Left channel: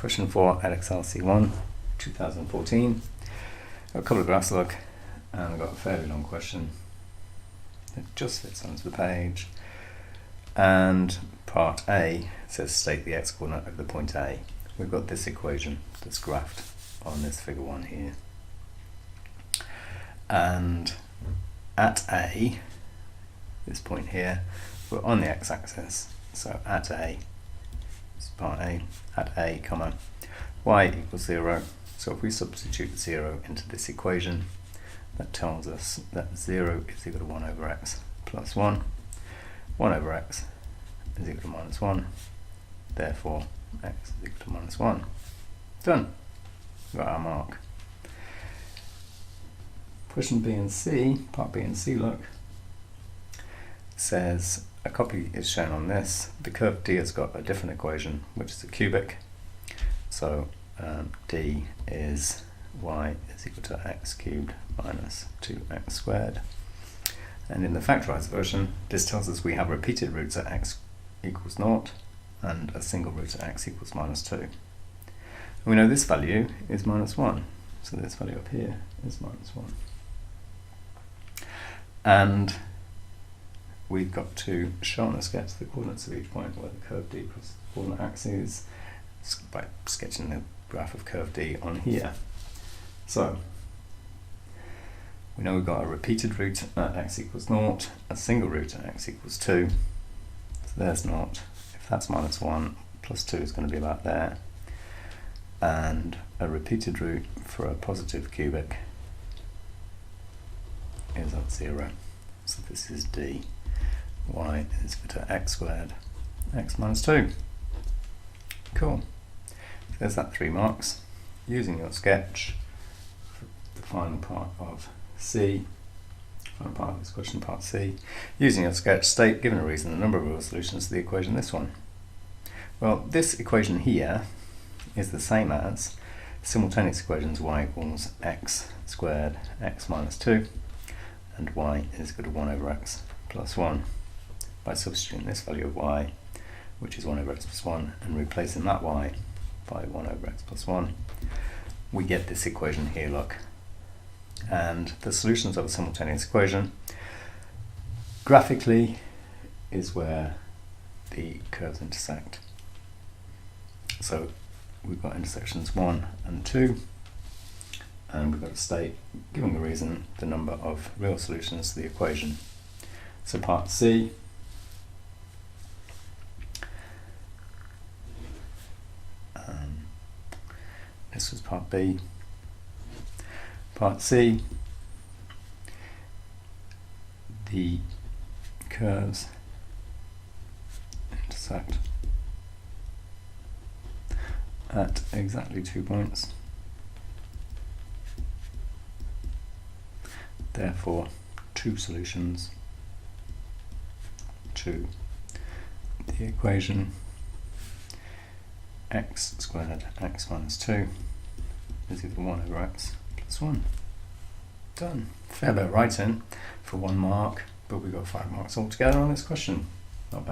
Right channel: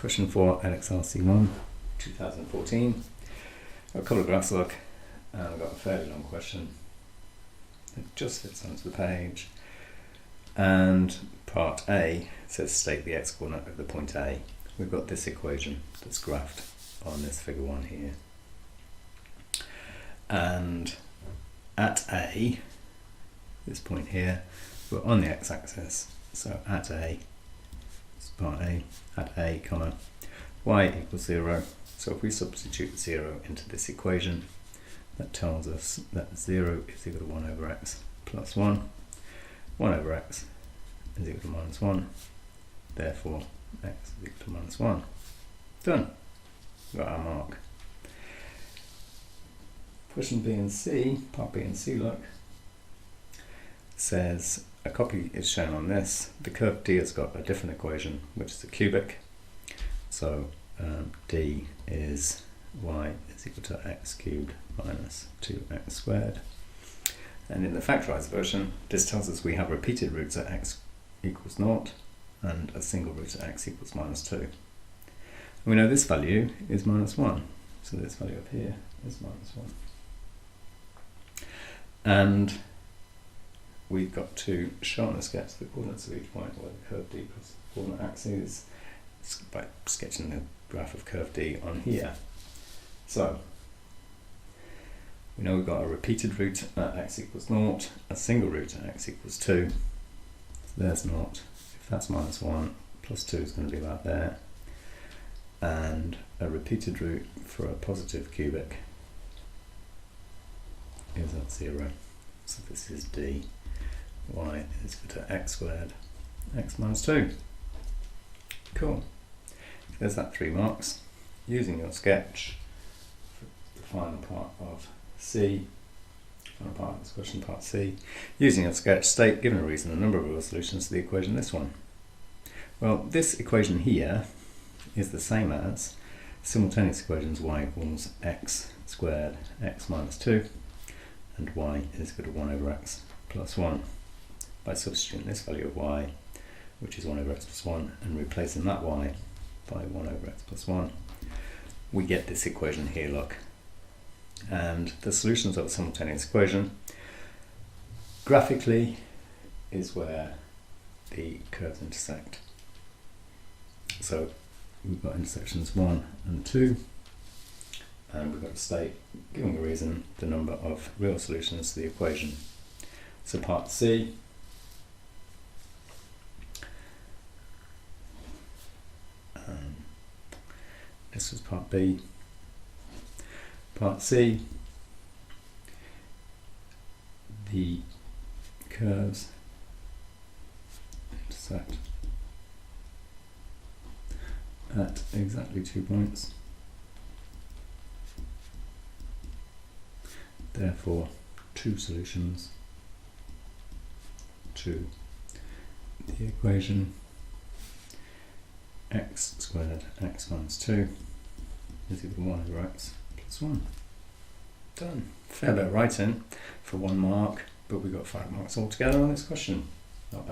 Question 4, Edexcel C1, 2014. Got a couple of graphs to look, and I've got a fairly long question. It just fits onto the page. And part A says state the x-coordinate of the point A. We've got this equation that's graphed on this figure 1 here. And at A, this point here, we're on the x-axis. So at A, this is part A, at A, comma, y equals 0. So if we substitute 0 into this equation, that tells us that 0 is equal to 1 over x plus 1. 1 over x is equal to minus 1. Therefore, x is equal to minus 1. Done. Got our mark. Question B and C, part B and C, look, says a copy is shown on this. The curve D has got a different equation, which is a cubic. So D is y is equal to x cubed minus 2x squared. And in the factorized version, this tells us we have repeated roots at x equals 0 and a single root at x equals minus 2. And we know this value is minus 1. So this value up here is minus 1. And we've got to show on the sketch the coordinates of each point where the curve D crosses the coordinate axes by sketching the graph of curve D on here. So we know we've got a repeated root at x equals 0, a single root at x equals 2. So there's 0. If that's minus 1, plus 2 is going to be about there. And a repeated root for a positive cubic is at 0. So this is D. Y is equal to x squared, x minus 2. Cool. So there's that 3 marks. Using your sketch for the final part of C, final part of this question, part C, using your sketch, state, given a reason, the number of real solutions to the equation this one. Well, this equation here is the same as simultaneous equations y equals x squared, x minus 2, and y is equal to 1 over x plus 1. By substituting this value of y, which is 1 over x plus 1, and replacing that y by 1 over x plus 1, we get this equation here, look. And the solutions of a simultaneous equation graphically is where the curves intersect. So we've got intersections 1 and 2, and we've got to state, giving a reason, the number of real solutions to the equation. So part C, this was part B. Part C, the curves intersect at exactly 2 points. Therefore, 2 solutions to the equation x squared x minus 2 is equal to 1 over x plus 1. Done. Fair bit of writing for 1 mark, but we got 5 marks altogether on this question. Not bad.